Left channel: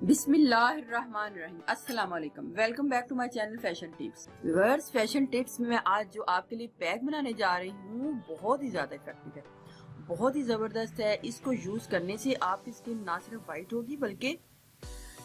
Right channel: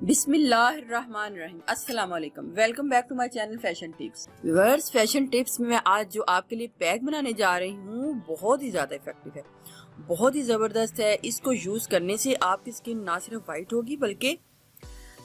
बिस्मिल्लाहिर्रहमानिर्रहीम। अस्सलाम वालेकुम। Welcome back to my channel fashion tips. Viewers, fashion tips में मैं आज जो आपके लिए पैक बनाने जा रही हूँ बहुत ही ज़्यादा इफेक्टिव है, बहुत ही ज़बरदस्त है। इसको यूज़ करने से आपकी स्किन ना सिर्फ वाइट होगी बल्कि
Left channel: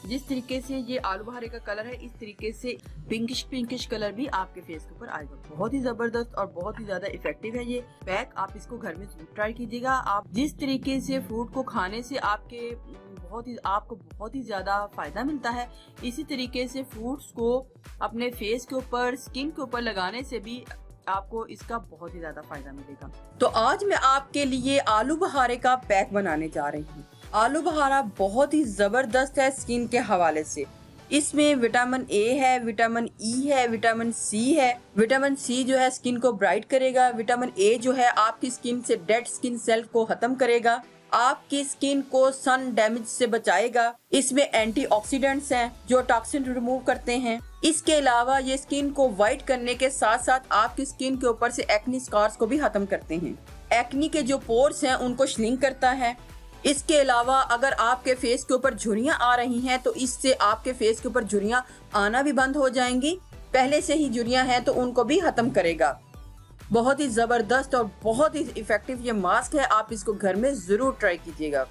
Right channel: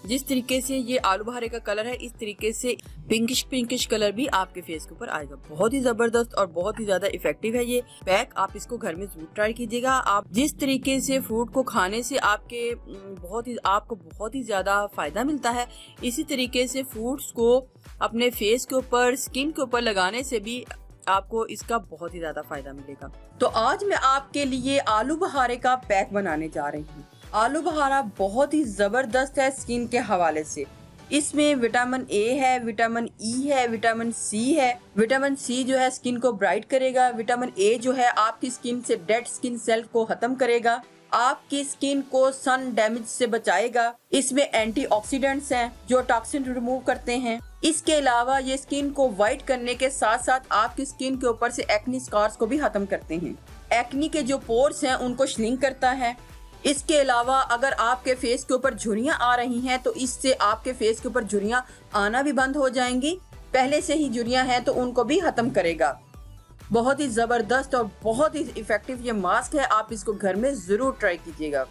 जिस तरीके से ये आलू बुखारे का कलर है इस तरीके से पिंकिश कलर भी आपके फेस के ऊपर आएगा। बहुत ही जबरदस्त और बहुत ही ज्यादा इफेक्टिव है ये पैक। आप इसको घर में जरूर ट्राई कीजिएगा। आप जिस तरीके से फ्रूट को खाने से आपको बहुत ही ज्यादा फायदा मिलता है, इसी तरीके से फ्रूट्स को अपने फेस के ऊपर, स्किन के ऊपर लगाने से भी आपको इसका बहुत ही ज्यादा फायदा मिलेगा। तो आज मैं आपके लिए आलू बुखारे का पैक बनाने जा रही हूँ। आलू बुखारा बहुत ही जबरदस्त है स्किन के हवाले से। इसमें विटामिन ए है, विटामिन ई है, विटामिन सी है। विटामिन सी जो है स्किन को ब्राइट करेगा। विटामिन ए जो है आपकी स्किन से डेड स्किन सेल को खत्म करेगा, आपकी स्किन को सन डैमेज से बचाएगा। इसमें एंटीऑक्सीडेंट्स हैं जो टॉक्सिन रिमूव करते हैं। इसके अलावा ये स्किन को व्हाइट करने के साथ साथ आपकी स्किन के ऊपर से एक्नी स्कार्स को भी खत्म करते हैं। एक्नी के जो पोर्स हैं उनको श्रिंक करता है। इसके अलावा अगर आपके फेस के ऊपर झुर्रियां आ रही हैं तो इससे आपके फेस के ऊपर झुर्रियां आना भी बंद हो जाएंगी। पहले से ही झुर्रियां हैं तो उनको भी खत्म करेगा। बहुत ही जबरदस्त और बहुत ही इफेक्टिव ये मास्क है। आप इसको घर में जरूर ट्राई कीजिएगा।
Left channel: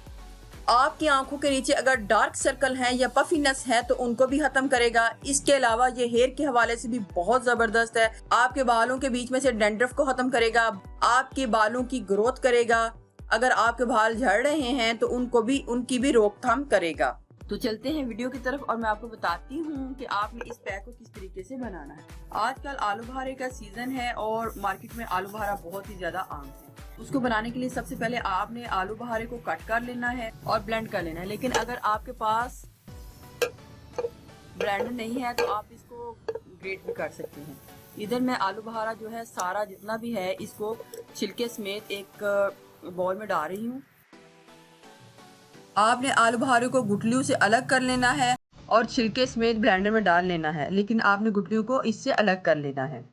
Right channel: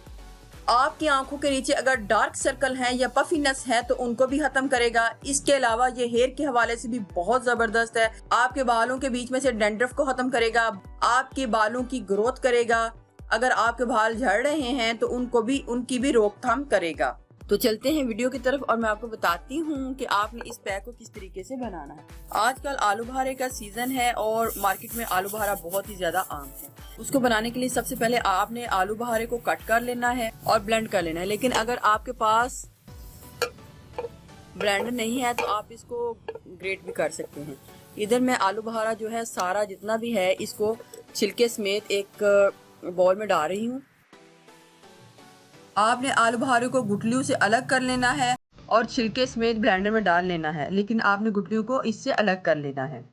आपकी आंखों के नीचे अगर डार्क सर्कल हैं या पफीनेस है तो उनको भी खत्म करेगा। इसके अलावा ये हेयर के हवाले से भी बहुत जबरदस्त है। आपके बालों के बीच में से डैंड्रफ को खत्म करेगा, आपके बालों की ग्रोथ करेगा। अगर आपके बाल झड़ रहे हैं तो उनकी भी रोकथाम करेगा। तो चलते हैं वीडियो की तरफ और मैं आपको बताती हूँ कि आपने इस पैक को किस तरीके से बनाना है। आजकल आलू बुखारे का सीजन है और मार्केट में आलू बुखारा बहुत ही ज्यादा आम है। उसको बनाने के लिए सबसे पहले आपने आलू बुखारे को कट कर लेना है और ब्लेंड कर लेना है। लेकिन अगर आपके पास ब्लेंडर नहीं है तो आप इसको ग्रेट भी कर सकते हैं। इधर मैं आलू बुखारा जो है सारा जितना भी है इसको छिलके समेत एक बॉल में डाल रही हूँ। आपने आलू बुखारे को गुठलियों से अलग कर लेना है और छिलके समेत ब्लेंडर में डाल लेना है, लेकिन आपने गुठलियों को इससे अलग कर लेना है।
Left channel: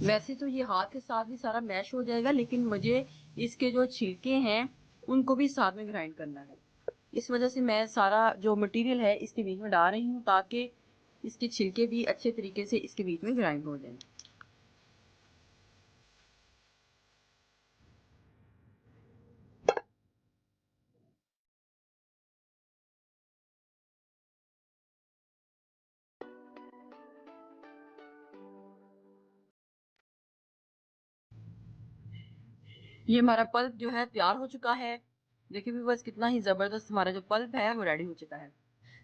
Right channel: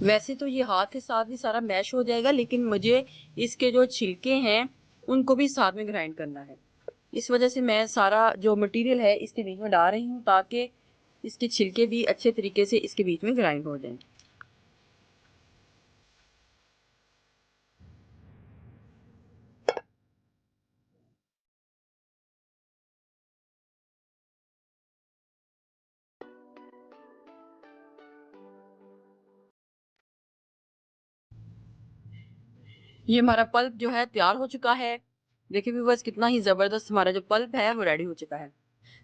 वैसे तो ये हाथ के साथ ही सारा मैश हो जाएगा, लेकिन मुझे इसके जो छिलके हैं उनको भी साथ में ग्राइंड करना है। इस वजह से मैं सारा जो मटेरियल है इसके बीच में डाल रही हूँ ताकि इसके छिलके भी अच्छे तरीके से इसके बीच में ग्राइंड हो जाएं। ये हमारा पल्प जो है तैयार हो चुका है। देखिए व्यूअर्स, कितना ही जबरदस्त हमारा जो पल्प है वो रेडी हो चुका है।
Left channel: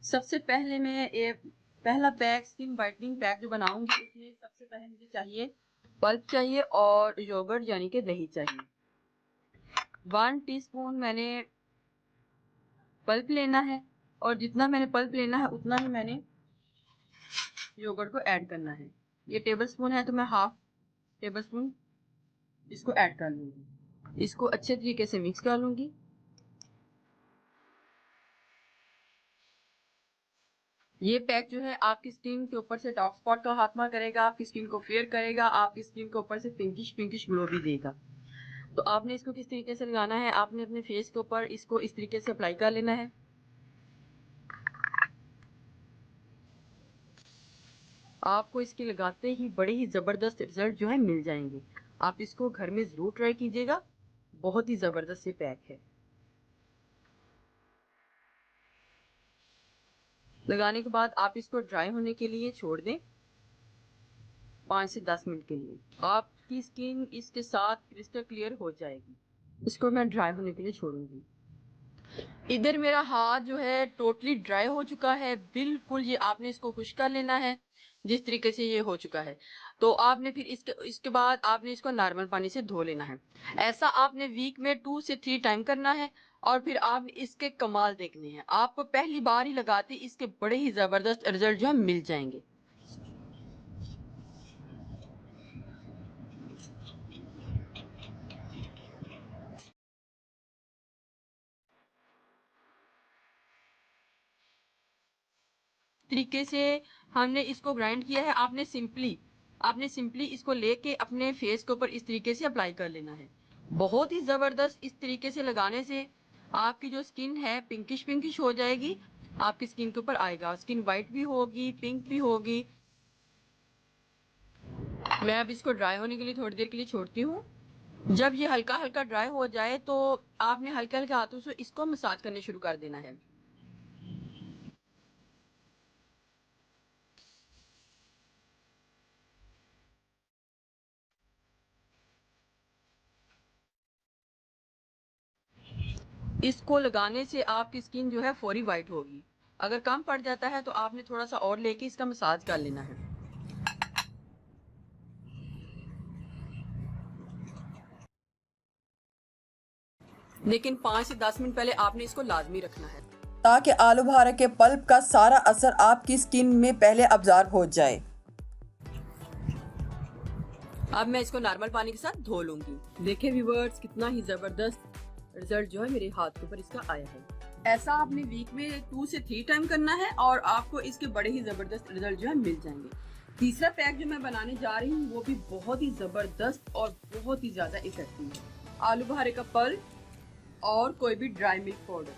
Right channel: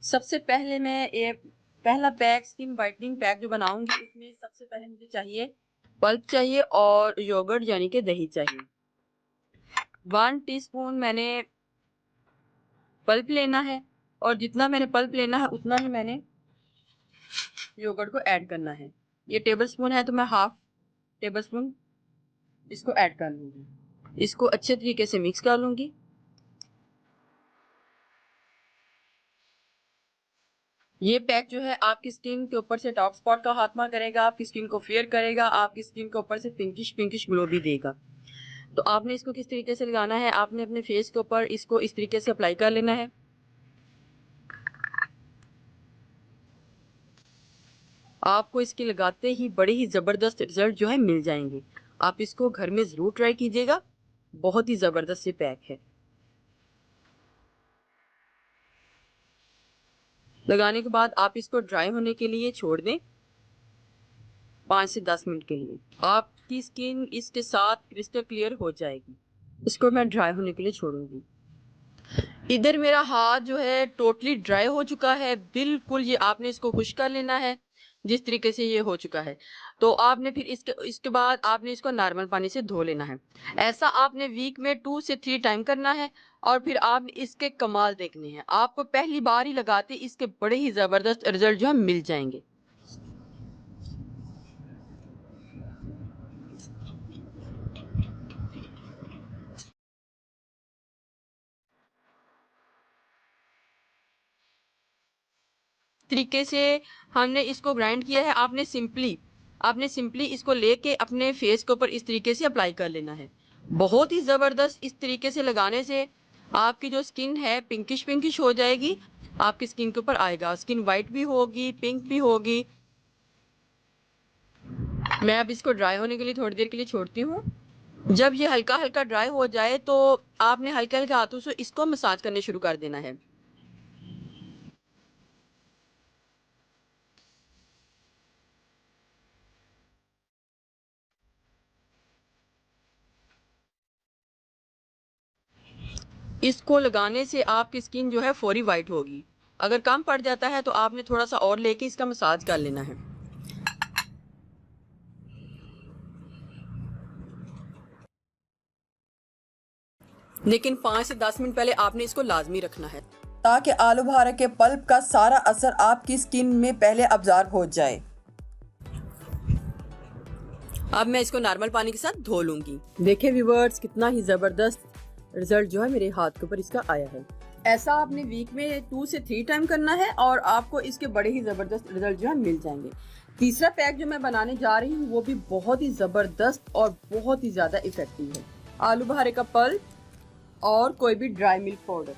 सबसे पहले मैं एक पहला पैक स्किन वाइटनिंग पैक जो बनाऊंगी उसमें सबसे पहले मुझे चाहिए पल्प चाहिए और योगर्ट यानी कि दही चाहिए। 1 टीस्पून मैंने पल्प लेना है और जितना मैंने पल्प लेना है उतना ही मैंने योगर्ट को ऐड करना है। ये टेबल स्पून है तो मैं हाफ टेबल स्पून इसको ऐड कर लूंगी। इसको अच्छे तरीके से मिक्स कर लूंगी। ये पैक जो है आपकी स्किन के ऊपर से डार्क स्पॉट का खात्मा करेगा, आपकी स्किन को फेयर करेगा, आपकी स्किन के ऊपर से पिंकिश ग्लो भी देगा। तो आपने इसको किस तरीके से लगाना है, आपने अपने फेस के ऊपर इसको इस तरीके से अप्लाई कर लेना है। आपको इसके लगाते ही बड़े ही जबरदस्त रिजल्ट जो है मिल जाएंगे। आप इसको घर में जरूर ट्राई कीजिएगा। बहुत ही जबरदस्त ये पैक है। लगाने के बाद आप इसको ड्राई होने के लिए छोड़ दें 5 से 10 मिनट के लिए। आपकी स्किन इसके साथ क्रिस्टल क्लियर हो जाएगी। इसको मैं ड्राई होने के लिए छोड़ूंगी। इधर मेरा हाथ जो है टोटली ड्राई हो चुका है बिल्कुल। ये आपने इसको खुश कर लेना है जिस तरीके से ये हो चुका है। तो आपने फिर इसके बाद आपने इसको नॉर्मल पानी से धो लेना है। ऐसा आपने वीक में 2 से 3 टाइम करना है और फिर आप इसके कमाल देखने हैं। आपको पहली बार ही लगाते इसके बड़े ही जबरदस्त रिजल्ट जो है मिल जाएंगे। तरीके से हमने इसको ग्राइंड किया है। आपने सिंपली इसको लेके अपने फेस के ऊपर इस तरीके से अप्लाई कर लेना है। बहुत ही ज़बरदस्त। इस तरीके से लगाने से आपकी जो स्किन है पिंकिश पिंकिश हो जाएगी, आपकी स्किन के ऊपर आएगा, स्किन वाइट भी होगी, पिंक भी होगी। मैं अब इसको ड्राई होने के लिए थोड़ी देर के लिए छोड़ती हूँ। जब ये हल्का हल्का ड्राई हो जाए तो आपने हल्के हल्के हाथों से इसको मसाज करने शुरू कर देना है। इसको लगाने से आपकी स्किन जो है फौरी वाइट होगी। अगर कम पड़ जाता है तो आपने थोड़ा सा और लेके इसका मसाज कर लेना है। लेकिन 5 से 10 मिनट पहले आपने इसको लाजमी रखना है, ताकि आलू बुखारा के पल्प का सारा असर आपकी स्किन में पहले अब्जॉर्ब हो जाए। अब मैं इसको नॉर्मल पानी के साथ धो लूंगी। देखिए व्यूअर्स, कितना ही ज़बरदस्त रिजल्ट जो है मेरे हाथ के ऊपर इसका आया है। ऐसा आपने वीक में 2 से 3 टाइम करना है और आपको इसके बड़े ही ज़बरदस्त रिजल्ट जो है मिल जाएंगे। तीसरा पैक जो मैं बनाने जा रही हूँ वो भी बहुत ही ज़बरदस्त और बहुत ही ज़्यादा इफेक्टिव है। आलू बुखारे का पल्प और कोई भी ड्राई मिल्क पाउडर।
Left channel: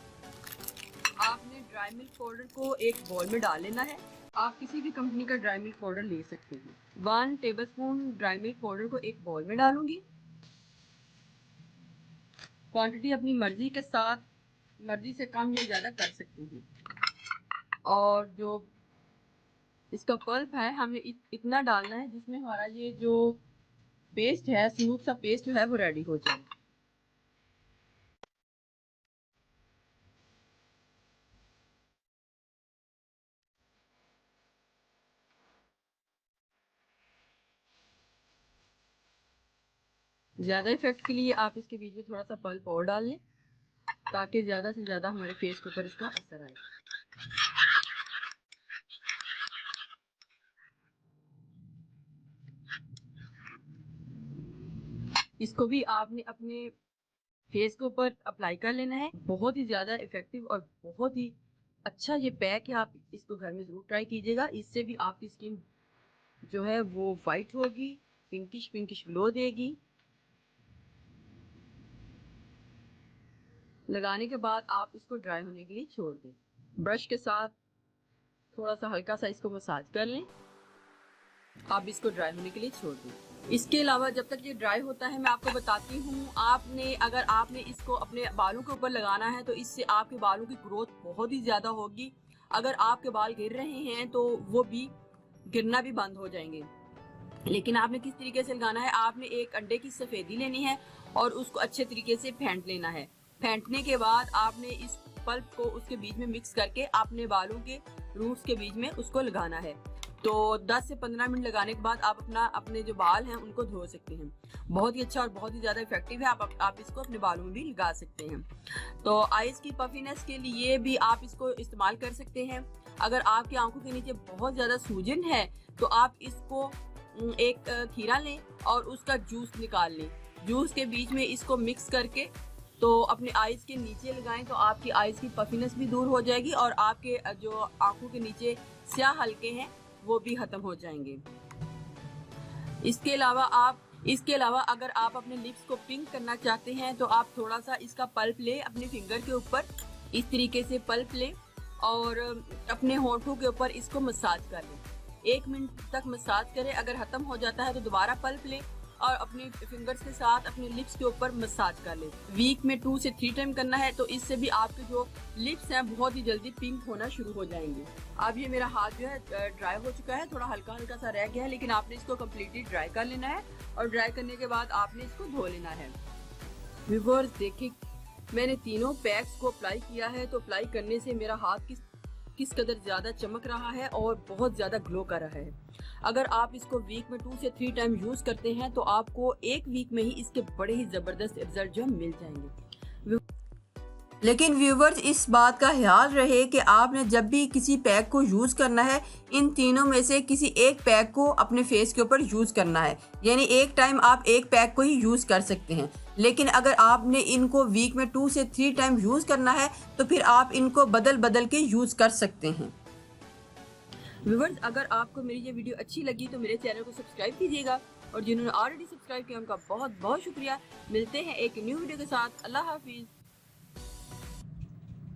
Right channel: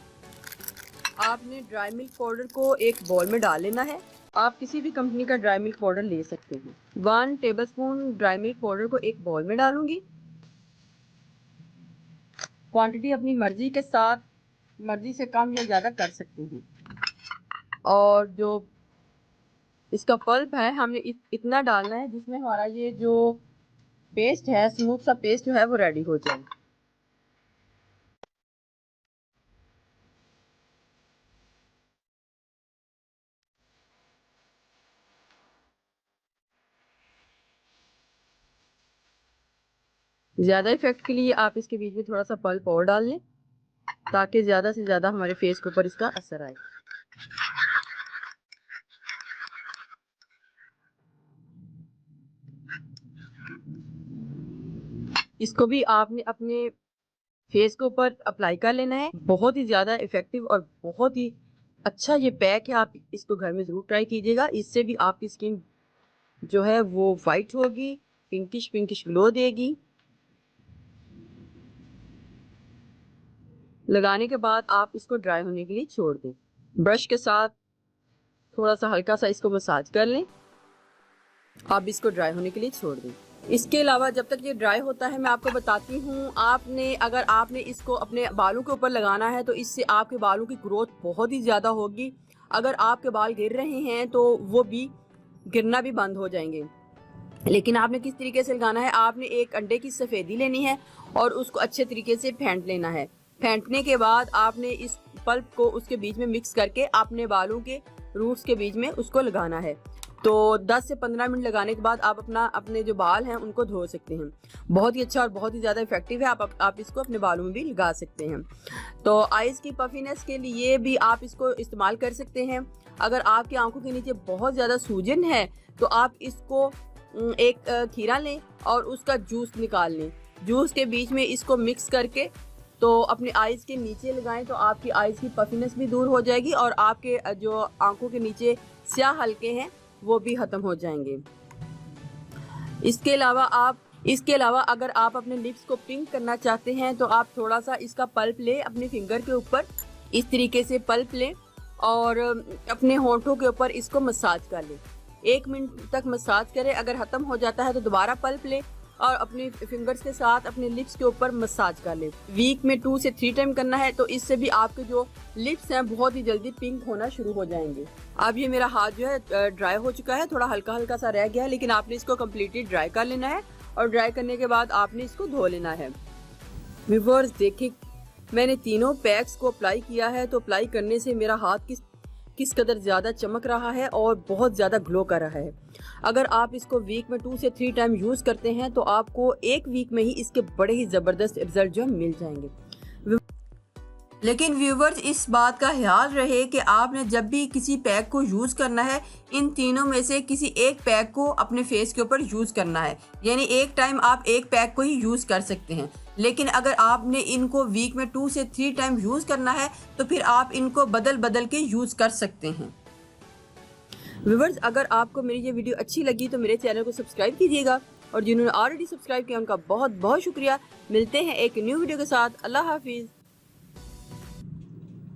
आपने ड्राई मिल्क पाउडर को एक बाउल में डाल लेना है। आप किसी भी कंपनी का ड्राई मिल्क पाउडर ले सकते हैं। 1 टेबलस्पून ड्राई मिल्क पाउडर को एक बाउल में डालूंगी। क्वांटिटी अपनी मर्जी के साथ, मर्जी से कम या ज़्यादा कर सकते हैं। और जो इसका पल्प है हमने इतना डालना है जिसमें हमारा ये जो पेस्ट है, स्मूथ सा पेस्ट जो है वो रेडी हो जाए। ज़्यादा इफेक्ट के लिए आप इसके बीच में थोड़ा सा पल्प और डाल लें, ताकि ज़्यादा से ज़्यादा हमारे फेस के ऊपर इसका असर आए। इसको भी आपने अपने फेस के ऊपर अप्लाई कर लेना है। बहुत ही ज़्यादा इफेक्टिव और बहुत ही अच्छा ये पैक है। आप इसको घर में ज़रूर ट्राई कीजिएगा। इससे भी आपकी स्किन जो है वो वाइट होगी, पिंकिश पिंकिश ग्लो देगी। लगाने के बाद आप इसको ड्राई होने के लिए छोड़ दें। ब्रश के साथ थोड़ा सा हल्का सा इसको मसाज कर लें। आप इसको ड्राई होने के लिए छोड़ दें। इसके अलावा जब तक ये ड्राई होता है मैं आपको बताती हूँ, अगर आपने इसको अपने बालों के ऊपर लगाना है तो इससे आपके बालों की ग्रोथ बहुत ही ज़्यादा होगी। अगर आपके बाल गिर रहे हैं तो वो भी गिरना भी बंद हो जाएंगे। लेकिन आपने किस तरीके से लगाना है, आपने एक अंडे की सफ़ेदी लेनी है और उसको अच्छे तरीके से फेंट लेना है। फेंटने के बाद आपने इस पल्प को उसके बीच में मिक्स करके अपने बालों के रूट्स के बीच में उसको लगाना है। तो 10 से 15 मिनट लगाने के बाद आप अपने जो बाल हैं उनको धो सकते हैं। बहुत ही अच्छा और बहुत ही ज़्यादा इफेक्टिव है। आप इसको अपने बालों में भी लगा सकते हैं। तो आइज़ की पफीनेस के लिए भी आप इसको इस्तेमाल कर सकते हैं। अगर आपकी आंखों के नीचे बहुत ज़्यादा सूजन है तो आप इसको एक खीरा लें और उसका जूस निकाल लें। जूस के बीच में इसको मिक्स करके तो अपने आइज़ के नीचे लगाएं तो आपकी आइज़ की पफीनेस भी दूर हो जाएगी और आपके जो आंखों के नीचे स्याह हल्के हैं वो भी खत्म हो जाएंगे। इसके अलावा अगर आप अपने लिप्स को पिंक करना चाहते हैं तो आप थोड़ा सा इसका पल्प ले, अपने फिंगर के ऊपर इस तरीके से पल्प लें और अपने होंठों के ऊपर इसको मसाज कर लें। 1 मिनट तक मसाज करें। अगर खत्म हो जाता है तो दोबारा पल्प लें और अपने फिंगर्स के साथ अपने लिप्स के ऊपर मसाज कर लें। वीक में 2 से 3 टाइम करना है। तो इससे भी आपके जो लिप्स हैं बहुत ही जल्दी पिंक होना शुरू हो जाएंगे। अब ये मेरा हाथ जो है ड्राई हो चुका है, थोड़ा हल्का हल्का सा रह गया है, लेकिन आपने इसको कम्प्लीटली ड्राई कर लेना है और ड्राई करने के बाद आपने इसको धो लेना है। व्यूअर्स देखिए, मैंने तीनों पैक्स को अप्लाई किया है तो अप्लाई करने से मेरा हाथ किस कदर ज़्यादा चमक रहा है और बहुत ज़्यादा ग्लो कर रहा है। अगर आप इसको वीक में 2 से 3 टाइम यूज़ करते हैं तो आपको 1 वीक में ही इसके बड़े ही ज़बरदस्त रिजल्ट जो मिल जाएंगे। लेकिन व्यूवर्स, इस बात का ख्याल रहे कि आपने जब भी किसी पैक को यूज़ करना है, इन तीनों में से किसी एक पैक को अपने फेस के ऊपर यूज़ करना है। यानी एक टाइम आप एक पैक को ही यूज़ कर सकते हैं। लेकिन अगर आपने इनको वीक में 2 से 3 टाइम यूज़ करना है तो फिर आप इनको बदल बदल के यूज़ कर सकते हैं। व्यूवर्स, अगर आपको मेरी ये वीडियो अच्छी लगी तो मेरे चैनल को सब्सक्राइब कीजिएगा और जिन्होंने ऑलरेडी सब्सक्राइब किया उनका बहुत बहुत शुक्रिया। मिलते हैं एक न्यू वीडियो के साथ। अल्लाह हाफिज़।